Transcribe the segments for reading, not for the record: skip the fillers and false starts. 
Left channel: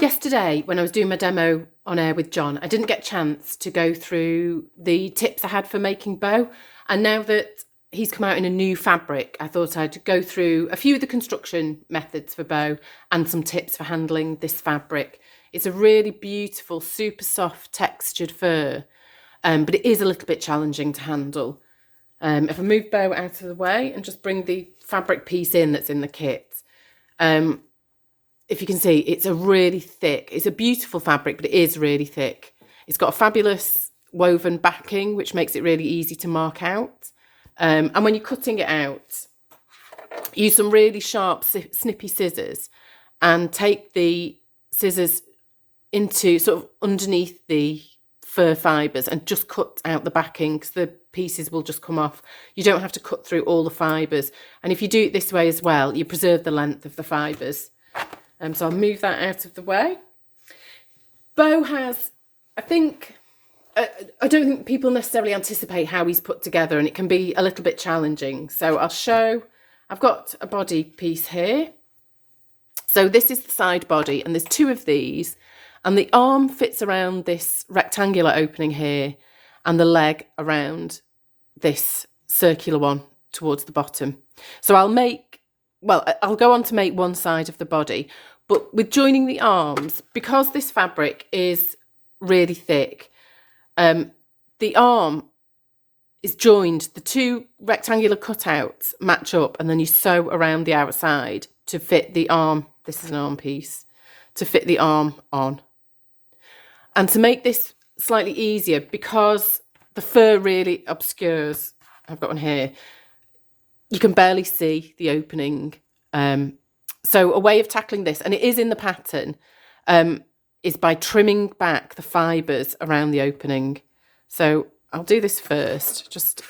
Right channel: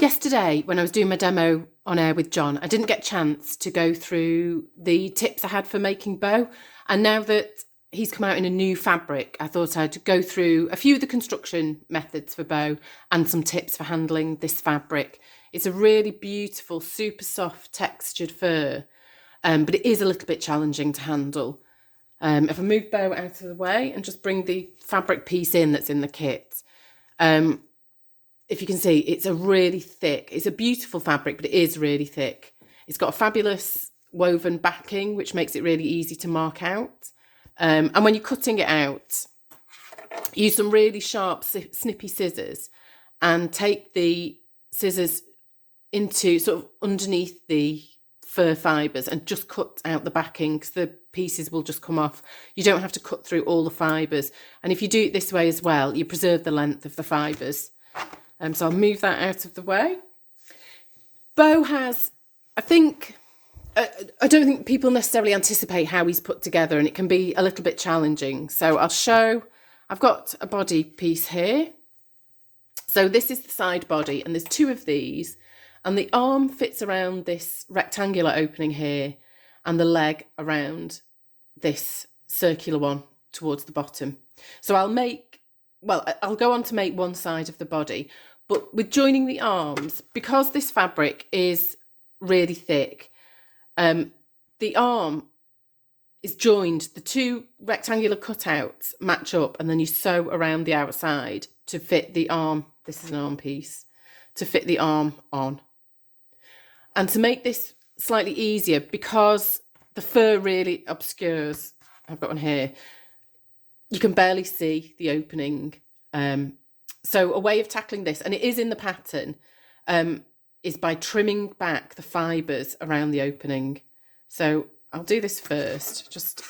Yesterday, when I was doing my demo on air with John, I didn't get a chance to go through the tips I had for making bow. And now that he's come out in a new fabric, I thought I'd go through a few of the construction methods for bow and some tips for handling this fabric. It's a really beautiful, super soft textured fur, but it is a little bit challenging to handle. If I move bow out of the way and just bring the fabric piece in that's in the kit, if you can see, it's a really thick, it's a beautiful fabric, but it is really thick. It's got a fabulous woven backing, which makes it really easy to mark out. And when you're cutting it out, use some really sharp, snippy scissors and take the scissors into sort of underneath the fur fibres and just cut out the backing because the pieces will just come off. You don't have to cut through all the fibres. And if you do it this way as well, you preserve the length of the fibres. So I'll move that out of the way. Beau has, I don't think people necessarily anticipate how he's put together, and it can be a little bit challenging. So I'll show, I've got a body piece here. So this is the side body, and there's two of these, and the arm fits around this rectangular opening here, and the leg around this circular one towards the bottom. So I'll go on to make one side of the body, but with joining the arms, because this fabric is really thick, the arm is joined, the two rectangular cutouts match up, and then you sew around the outside to fit the arm. This is an arm piece, to fit the arm on. And to make this slightly easier, because the fur really obscures, I've got one here, you can barely see the opening. So a way of tackling this, and it is in the pattern, is by trimming back the fibres around the opening. So I'll do this first, just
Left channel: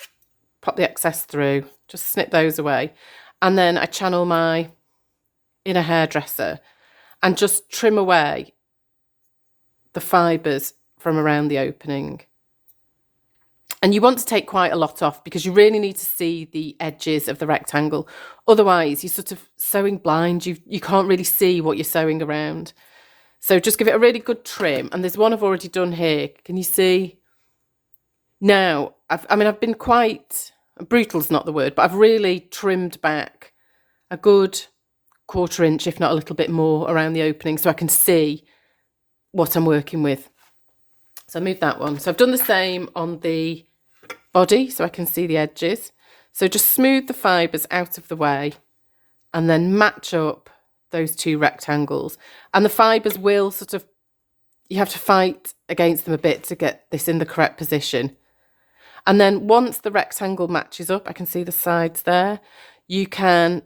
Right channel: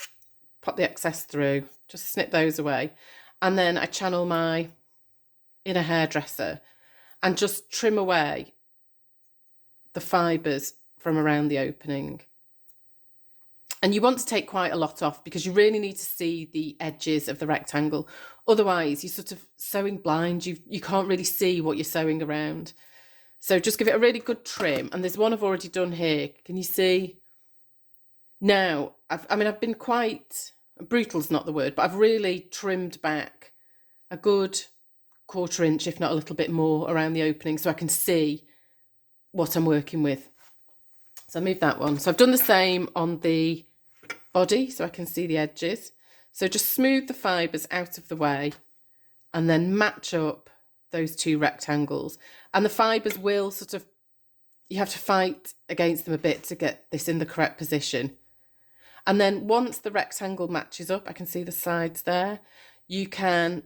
pop the excess through, just snip those away. And then I channel my inner hairdresser and just trim away the fibres from around the opening. And you want to take quite a lot off because you really need to see the edges of the rectangle. Otherwise, you're sort of sewing blind. You can't really see what you're sewing around. So just give it a really good trim. And there's one I've already done here. Can you see? Now, I've been quite, brutal's not the word, but I've really trimmed back a good 1/4 inch, if not a little bit more, around the opening so I can see what I'm working with. So I move that one. So I've done the same on the body so I can see the edges. So just smooth the fibres out of the way and then match up those two rectangles. And the fibres will sort of, you have to fight against them a bit to get this in the correct position. And then once the rectangle matches up, I can see the sides there, you can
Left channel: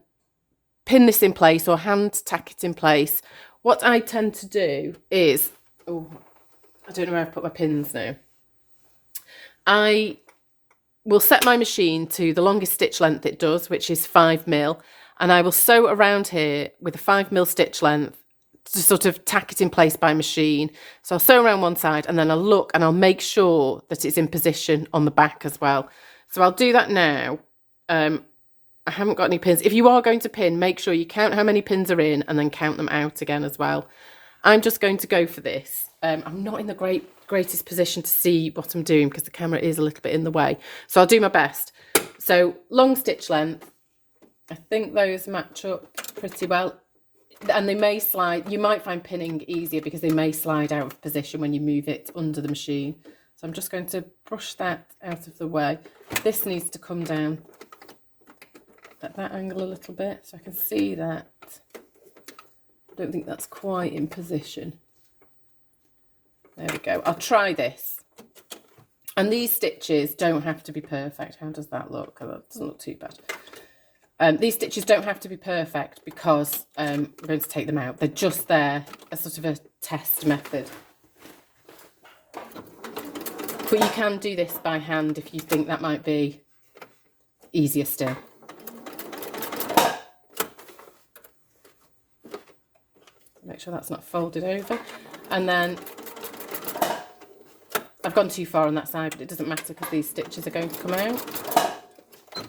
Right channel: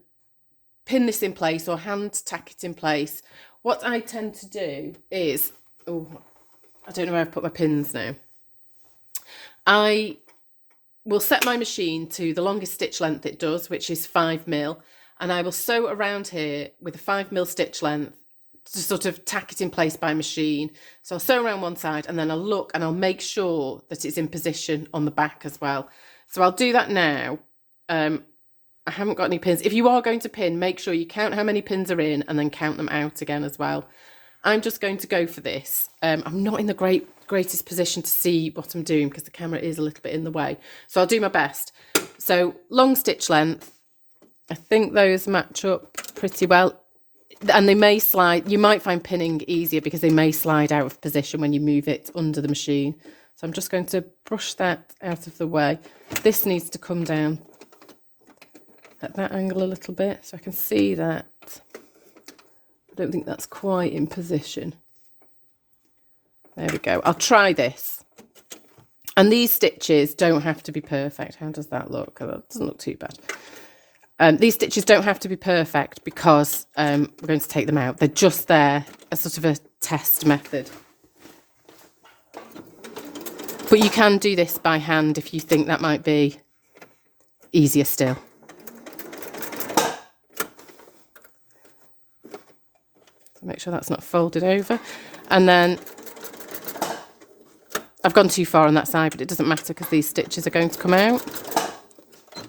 pin this in place or hand tack it in place. What I tend to do is, I don't know where I've put my pins now. I will set my machine to the longest stitch length it does, which is 5mm, and I will sew around here with a 5mm stitch length to sort of tack it in place by machine. So I'll sew around one side and then I'll look and I'll make sure that it's in position on the back as well. So I'll do that now. I haven't got any pins. If you are going to pin, make sure you count how many pins are in and then count them out again as well. I'm just going to go for this. I'm not in the greatest position to see what I'm doing because the camera is a little bit in the way. So I'll do my best. So long stitch length. I think those match up pretty well. And they may slide. You might find pinning easier because they may slide out of position when you move it under the machine. So I'm just going to brush that out of the way. This needs to come down at that angle a little bit so I can see that. I don't think that's quite in position. There we go. I'll try this. And these stitches don't have to be perfect. How does that look? Oh, that doesn't look too bad. These stitches don't have to be perfect because we're going to take them out. They're just there as sort of a test method. But you can do this by hand if you think that might be easier still. Make sure that's not folded over. And then I've gone too far on that side, but it doesn't matter because these stitches are going to come out. I'll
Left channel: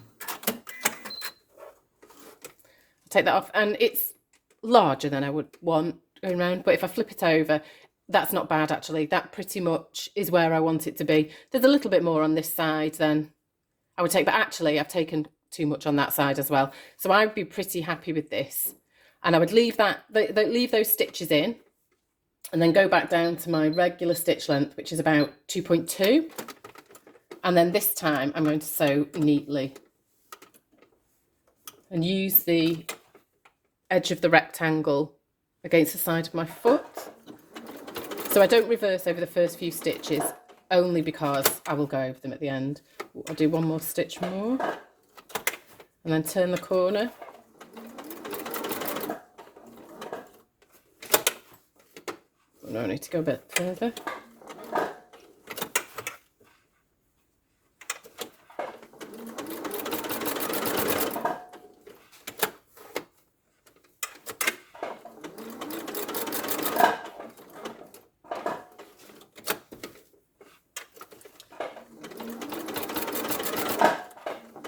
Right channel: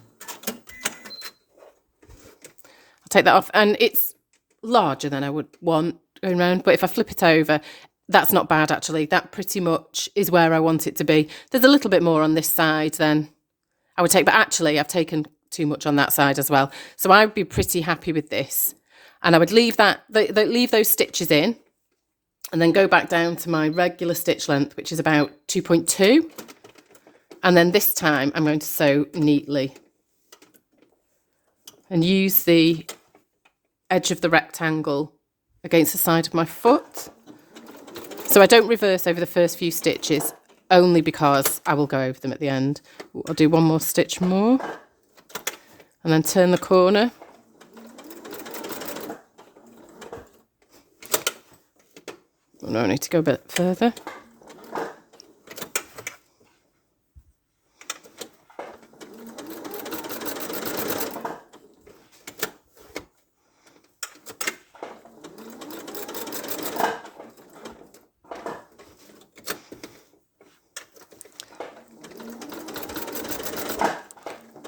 take that off, and it's larger than I would want going round. But if I flip it over, that's not bad, actually. That pretty much is where I want it to be. There's a little bit more on this side than I would take, but actually I've taken too much on that side as well. So I would be pretty happy with this. And I would leave leave those stitches in and then go back down to my regular stitch length, which is about 2.2. And then this time I'm going to sew neatly and use the edge of the rectangle against the side of my foot. So I don't reverse over the first few stitches, only because I will go over them at the end. I'll do one more stitch more and then turn the corner. Oh, no, I need to go a bit further.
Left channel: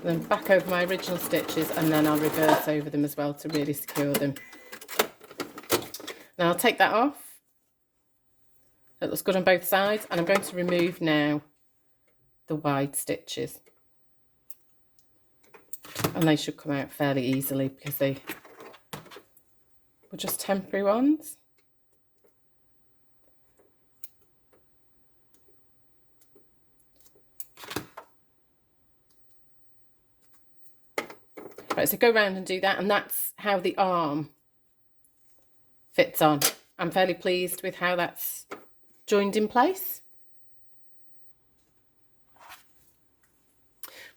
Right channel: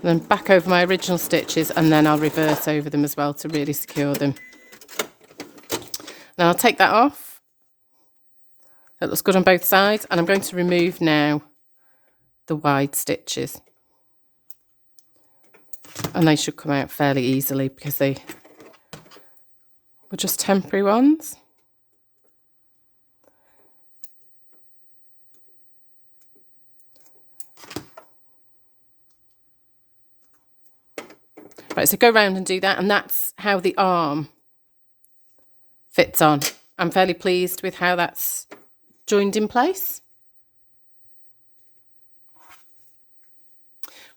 Then back over my original stitches, and then I'll reverse over them as well to really secure them. Now I'll take that off. That looks good on both sides, and I'm going to remove now the wide stitches. And they should come out fairly easily because they were just temporary ones. Right, so go round and do that, and that's how the arm fits on. I'm fairly pleased with how that's joined in place.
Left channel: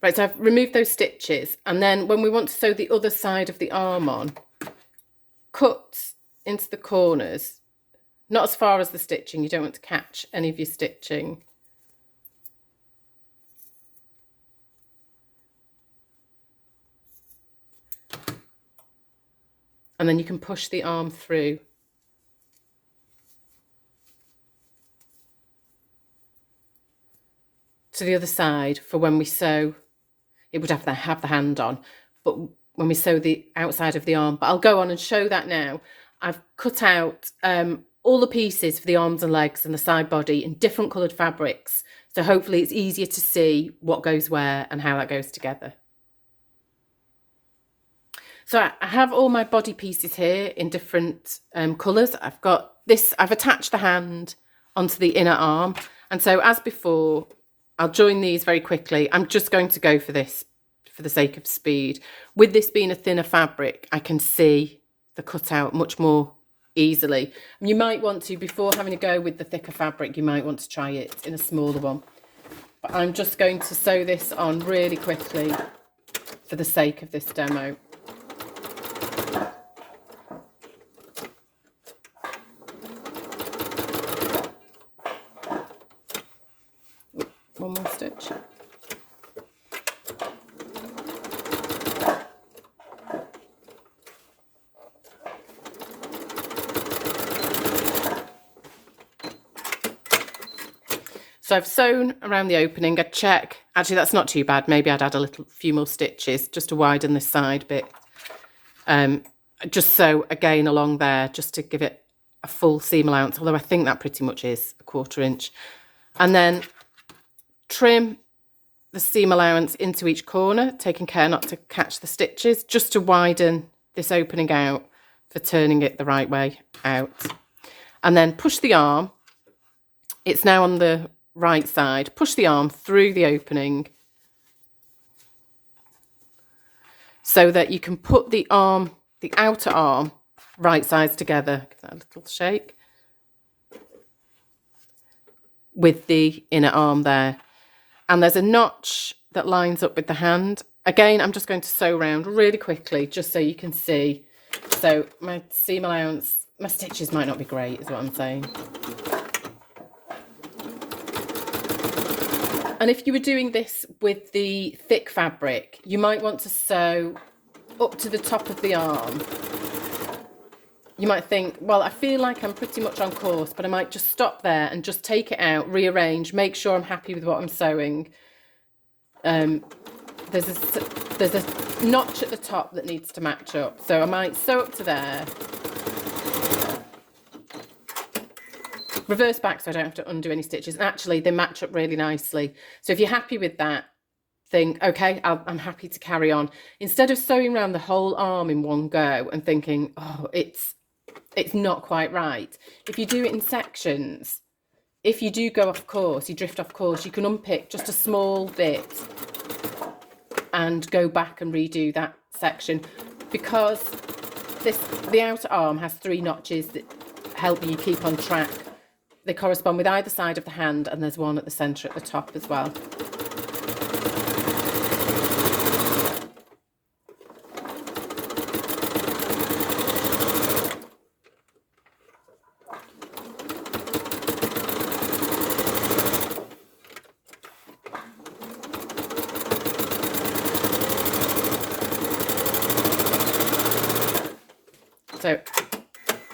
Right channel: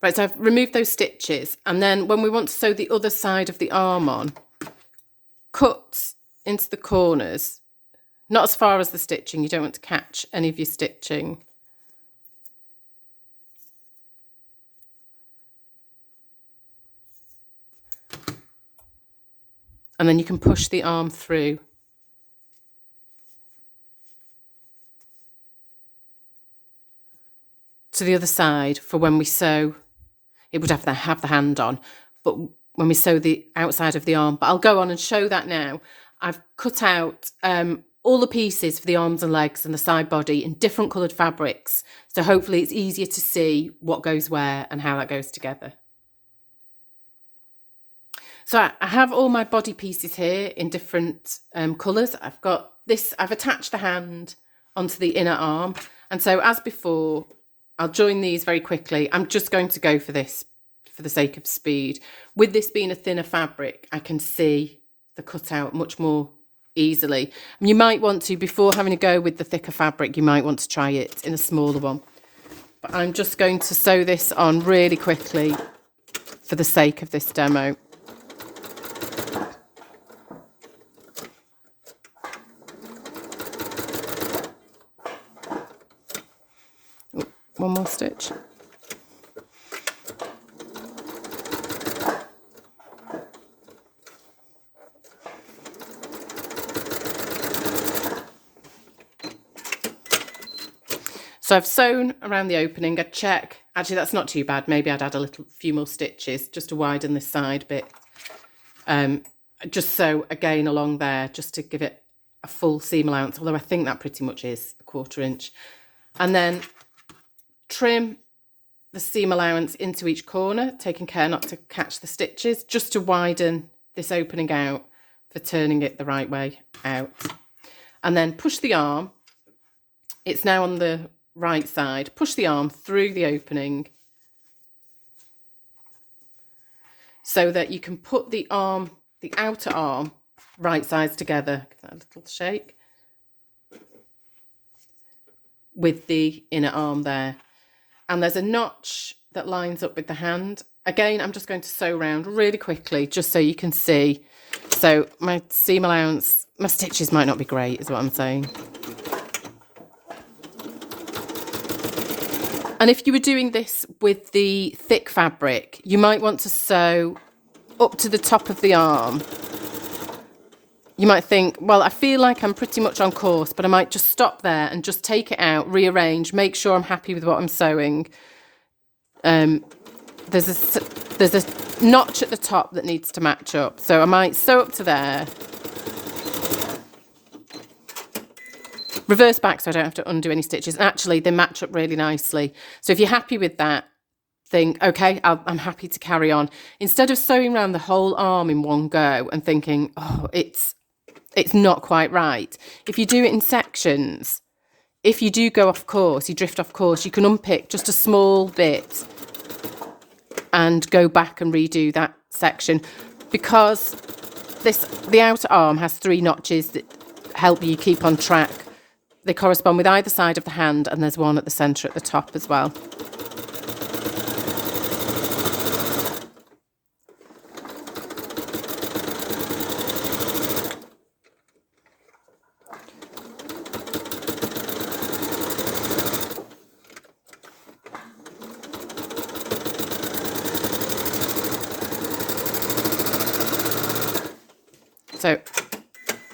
Right, so I've removed those stitches, and then when we want to sew the other side of the arm on, cut into the corners, not as far as the stitching, you don't want to catch any of your stitching. And then you can push the arm through. To the other side for when we sew. It would have the hand on, but when we sew the outside of the arm. But I'll go on and show that now. I've cut out all the pieces for the arms and legs and the side body in different coloured fabrics. So hopefully it's easier to see what goes where and how that goes together. So I have all my body pieces here in different colours. I've got this, I've attached the hand onto the inner arm. And so as before, I'll join these very quickly. I'm just going to go for this for the sake of speed. With this being a thinner fabric, I can see the cutout much more easily. And you might want to, before having a go with the thicker fabric, you might want to try it in a smaller one. But I'm just going to sew this on really quickly for the sake of this demo. One more stitch. So I've sewn around the opening. I check, actually that's not too bad. Maybe I'd add a few more stitches just to widen this side bit. Just sew again along there just to give it a full seam allowance, although I think that pretty much is a 1/4 inch. And then trim the seam allowance into each corner, taking care not to catch the stitches, just to widen this opening out for turning it the right way out. And then push the arm, it's now on the right side, push the arm through the opening so that you can put the arm, the outer arm, right sides together. Give that a little shake. With the inner arm there. And there's a notch that lines up with the hand. Again, I'm just going to sew around really quickly just so you can see. So my seam allowance, my stitches might not be great is what I'm saying. And if you were doing this with the thick fabric, you might want to sew up to the top of the arm. You might think, well, I feel like I'm pretty much on course, but I might just stop there and just take it out, rearrange, make sure I'm happy with what I'm sewing. There's a notch at the top that needs to match up. So I might sew up to there Reverse back so I don't have to undo any stitches. And actually, they match up really nicely. So if you're happy with that, think, okay, I'm happy to carry on. Instead of sewing around the whole arm in one go and thinking, oh, it's not quite right. If you do it in sections, if you do go off course, you drift off course, you can unpick just a small bit and go back and redo that section, because the outer arm has 3 notches that help you keep on track. They correspond with either side of the hand, and there's one at the centre at the top as well. So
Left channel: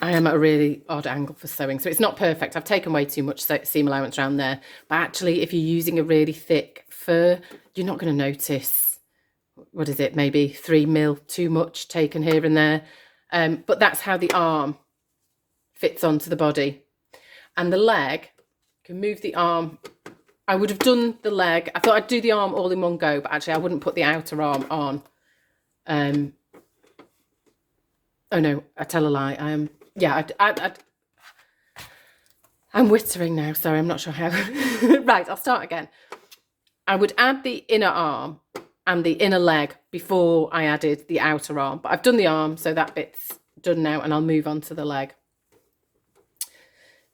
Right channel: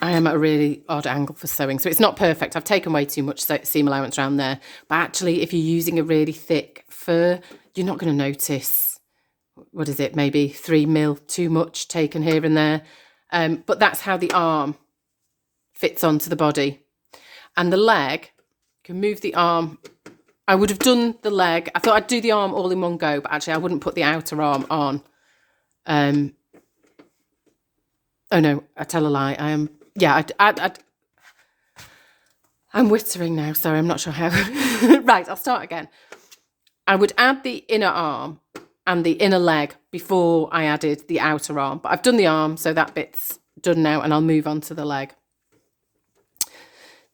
I am at a really odd angle for sewing, so it's not perfect. I've taken way too much seam allowance around there, but actually if you're using a really thick fur, you're not going to notice, what is it, maybe 3 mil too much taken here and there. But that's how the arm fits onto the body. And the leg, you can move the arm. I would have done the leg. I thought I'd do the arm all in one go, but actually I wouldn't put the outer arm on. Oh no, I tell a lie. I'm wittering now. Sorry, I'm not sure how. Right, I'll start again. I would add the inner arm and the inner leg before I added the outer arm. But I've done the arm, so that bit's done now, and I'll move on to the leg.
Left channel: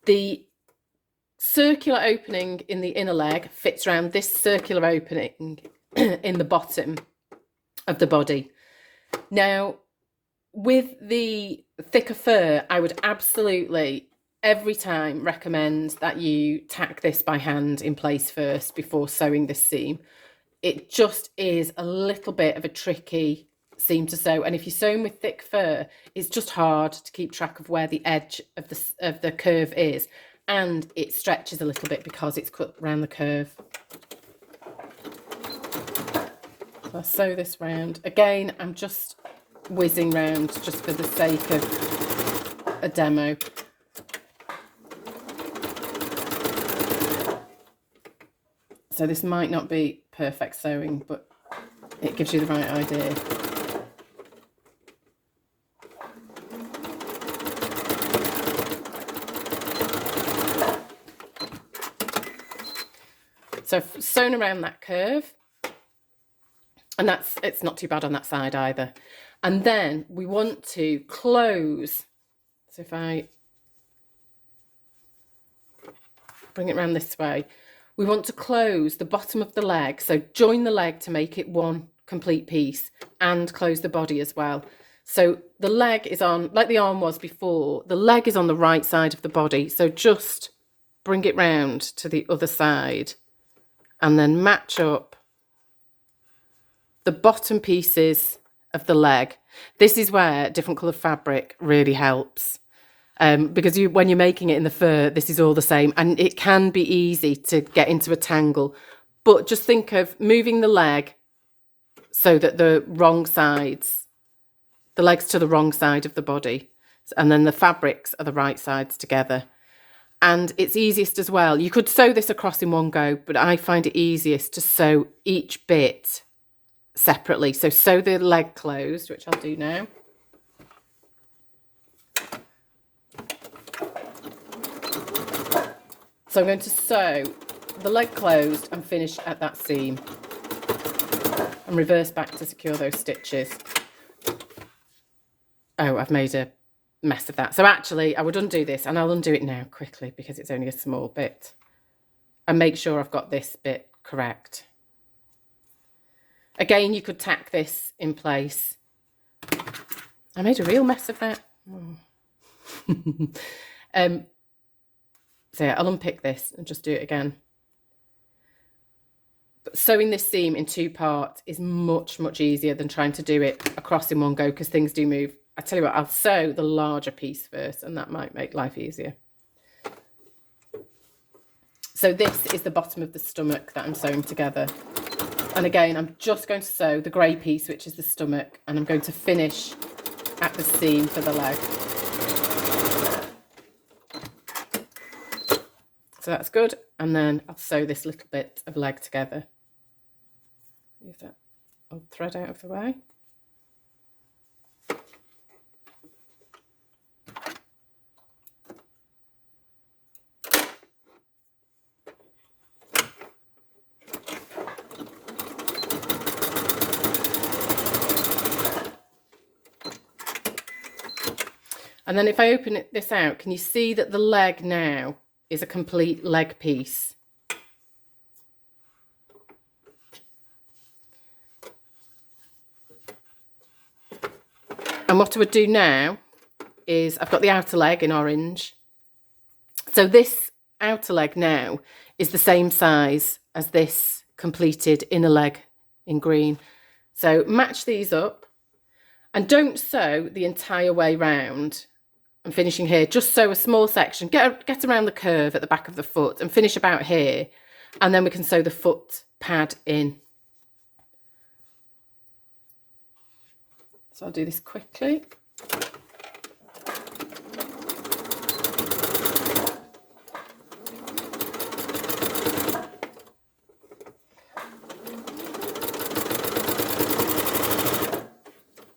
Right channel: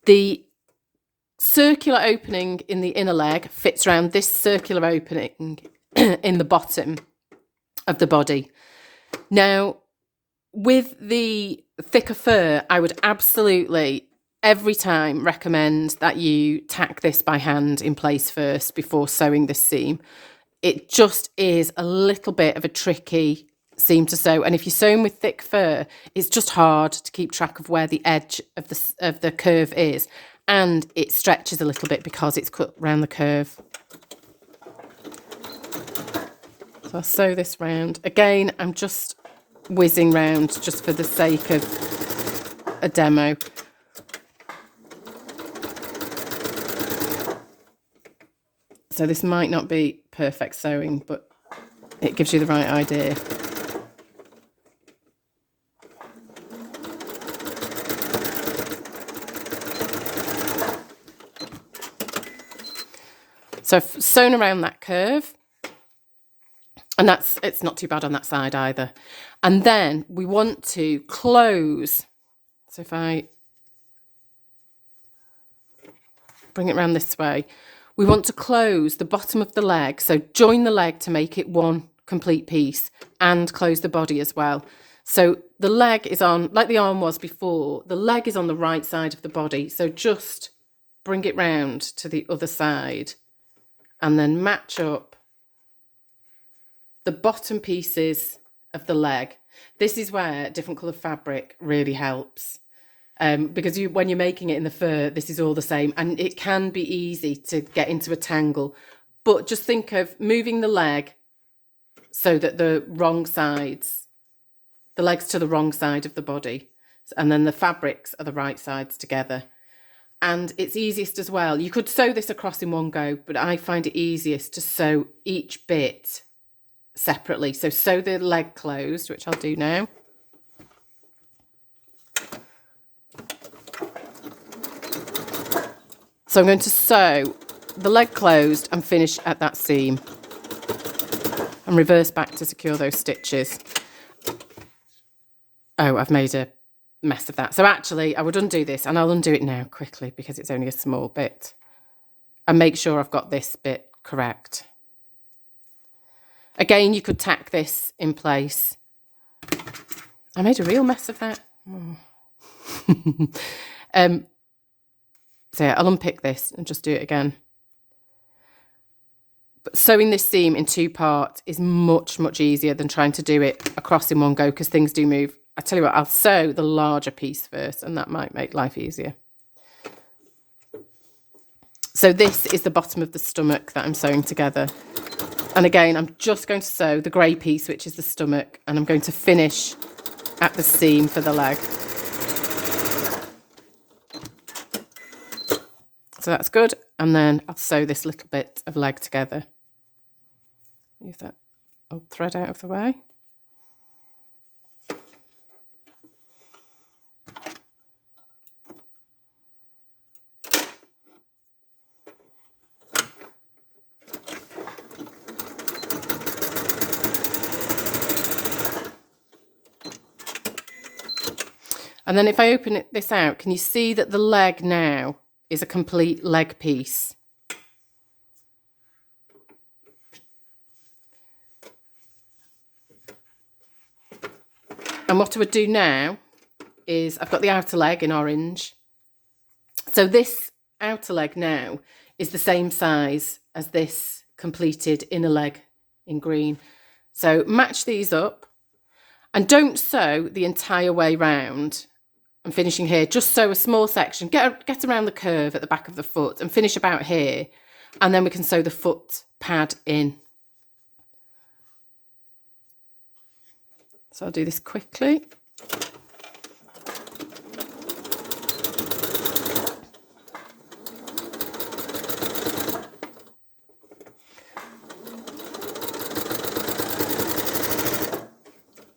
The circular opening in the inner leg fits around this circular opening in the bottom of the body. Now, with the thicker fur, I would absolutely every time recommend that you tack this by hand in place first before sewing this seam. It just is a little bit of a tricky seam to sew, and if you're sewing with thick fur, it's just hard to keep track of where the edge of the curve is, and it stretches a little bit because it's cut around the curve. So I'll sew this round. Again, I'm just whizzing round just for the sake of a demo. So this might not be perfect sewing, but it gives you the right idea. So I've sewn around that curve, and it's not too bad on that side either. And then we want to close. So if I bring it around this way, we want to close the bottom of the leg. So join the leg to make it one complete piece, and close the body as well. So the leg is on, like the arm was before, the leg is on the right side of the body. So just bring it round to the other side and then match up the bottom pieces of the leg. This is where different coloured fabric really helps, because when you're making it in the fur, this is all the same, and it can be easy to get into a tangle. But just think of moving the leg so that the leg's to the wrong side of the body, and then the fabrics are the right sides together. And it's easiest as well. You could sew this across in one go, but I find it easiest to sew each bit separately. So sew the leg closed, which I'll do now. So I'm going to sew the leg closed and finish at that seam and reverse back to secure those stitches. Oh, I've made a mess of that. So actually I would undo this, and I'll undo it now quickly because it's only a small bit, and make sure I've got this bit correct. Again, you could tack this in place. I made a real mess of that. Oh. So yeah, I'll unpick this and just do it again. But sewing this seam in 2 parts is much, much easier than trying to do it across in one go, because things do move. I tell you what, I'll sew the larger piece first, and that might make life easier. So this is the bottom of the stomach that I'm sewing together. And again, I'm just going to sew the grey piece, which is the stomach, and I'm going to finish at the seam for the leg. So that's good. And then I'll sew this little bit of leg together. Move that old thread out of the way. And then if I open this out, can you see that the leg now is a complete leg piece? And what I would do now is I've got the outer leg in orange. So this outer leg now is the same size as this completed inner leg in green. So match these up and don't sew the entire way round. I'm finishing here, just sew a small section, get around the curve at the back of the foot and finish about here, and then we can sew the foot pad in. So I'll do this quickly.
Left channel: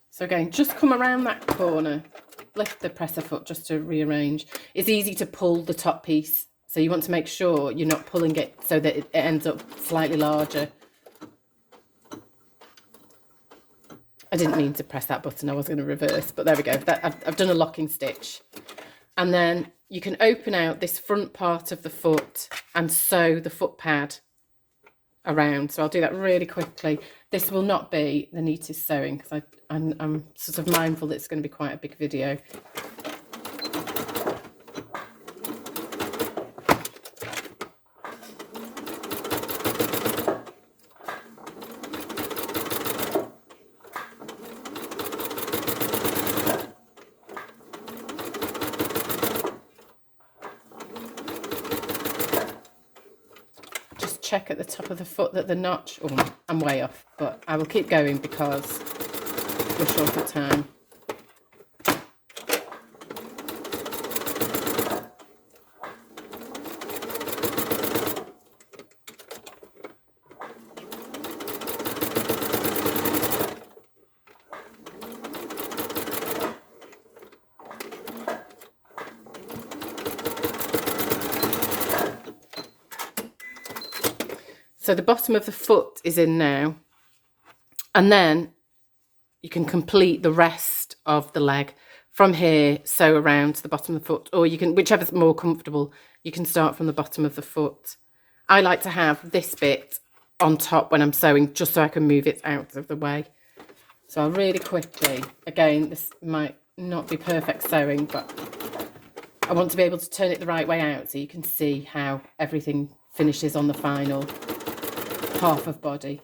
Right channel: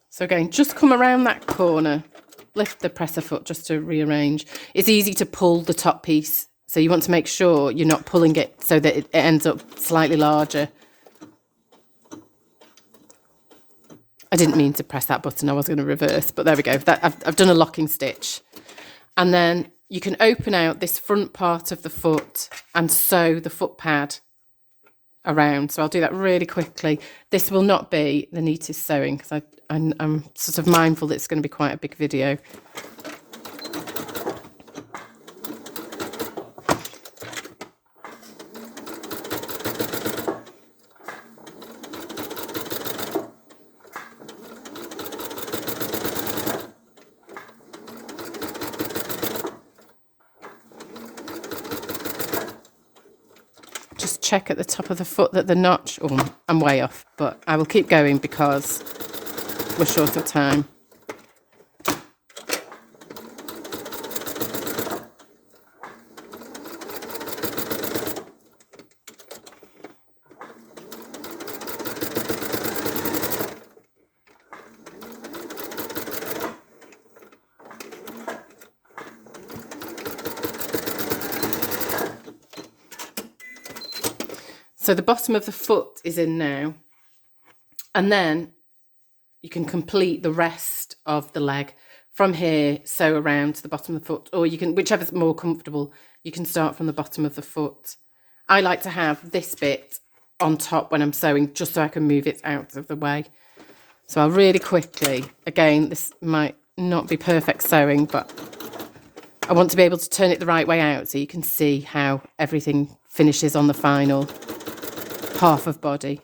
So again, just come around that corner, lift the presser foot just to rearrange. It's easy to pull the top piece, so you want to make sure you're not pulling it so that it ends up slightly larger. I didn't mean to press that button, I was going to reverse, but there we go. I've done a locking stitch. And then you can open out this front part of the foot and sew the foot pad around. So I'll do that really quickly. This will not be the neatest sewing because I'm sort of mindful that it's going to be quite a big video. Just check at the top of the foot that the notch, oh, I'm way off, but I will keep going because we're short of time. So the bottom of the foot is in now, and then you can complete the rest of the leg from here, sew around to the bottom of the foot, or you can, whichever's more comfortable, you can start from the bottom of the foot. I like to have this bit on top when I'm sewing, just so I can move it out of the way. So I'll really quickly, again, this might not be perfect sewing, but I want to be able to turn it the right way out so you can see how everything finishes on the final half of body.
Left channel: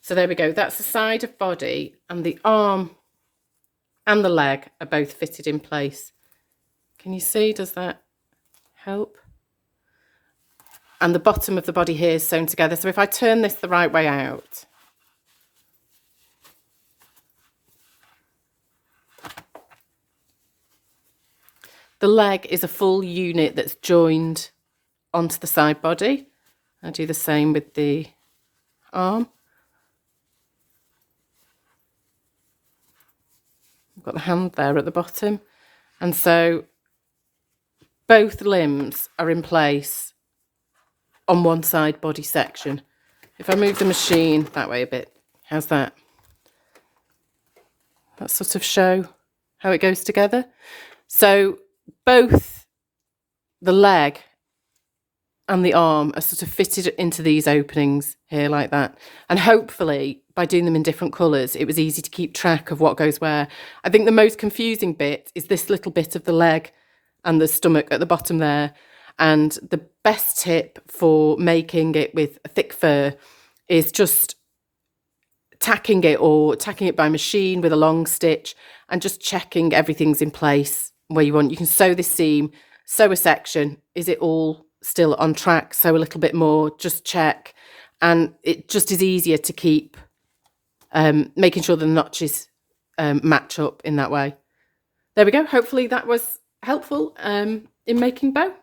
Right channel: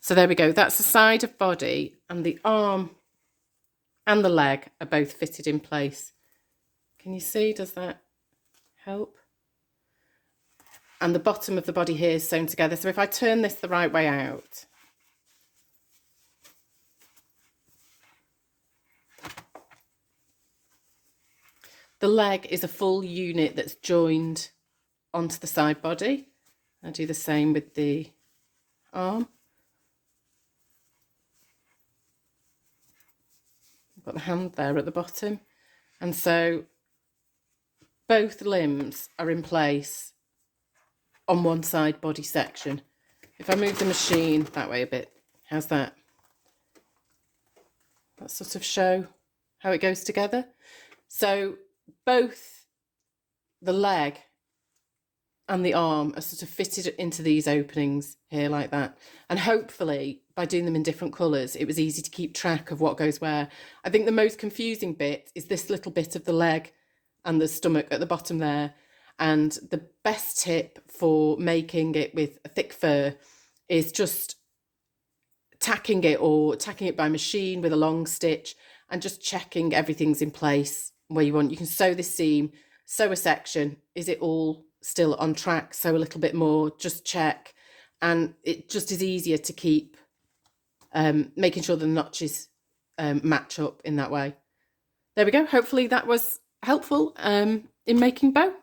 So there we go, that's the side of body, and the arm and the leg are both fitted in place. Can you see, does that help? And the bottom of the body here is sewn together. So if I turn this the right way out, the leg is a full unit that's joined onto the side body. I do the same with the arm. I've got the hand there at the bottom. And so both limbs are in place on one side body section. If I move the machine that way a bit, how's that? That sort of show how it goes together. So both the leg and the arm are sort of fitted into these openings here like that. And hopefully by doing them in different colours, it was easy to keep track of what goes where. I think the most confusing bit is this little bit of the leg and the stomach at the bottom there. And the best tip for making it with a thick fur is just tacking it by machine with a long stitch and just checking everything's in place where you want. You can sew this seam, sew a section. Is it all still on track? Sew a little bit more, just check. And it just is easier to keep making sure the notches match up in that way. There we go. Hopefully that was helpful in making bow.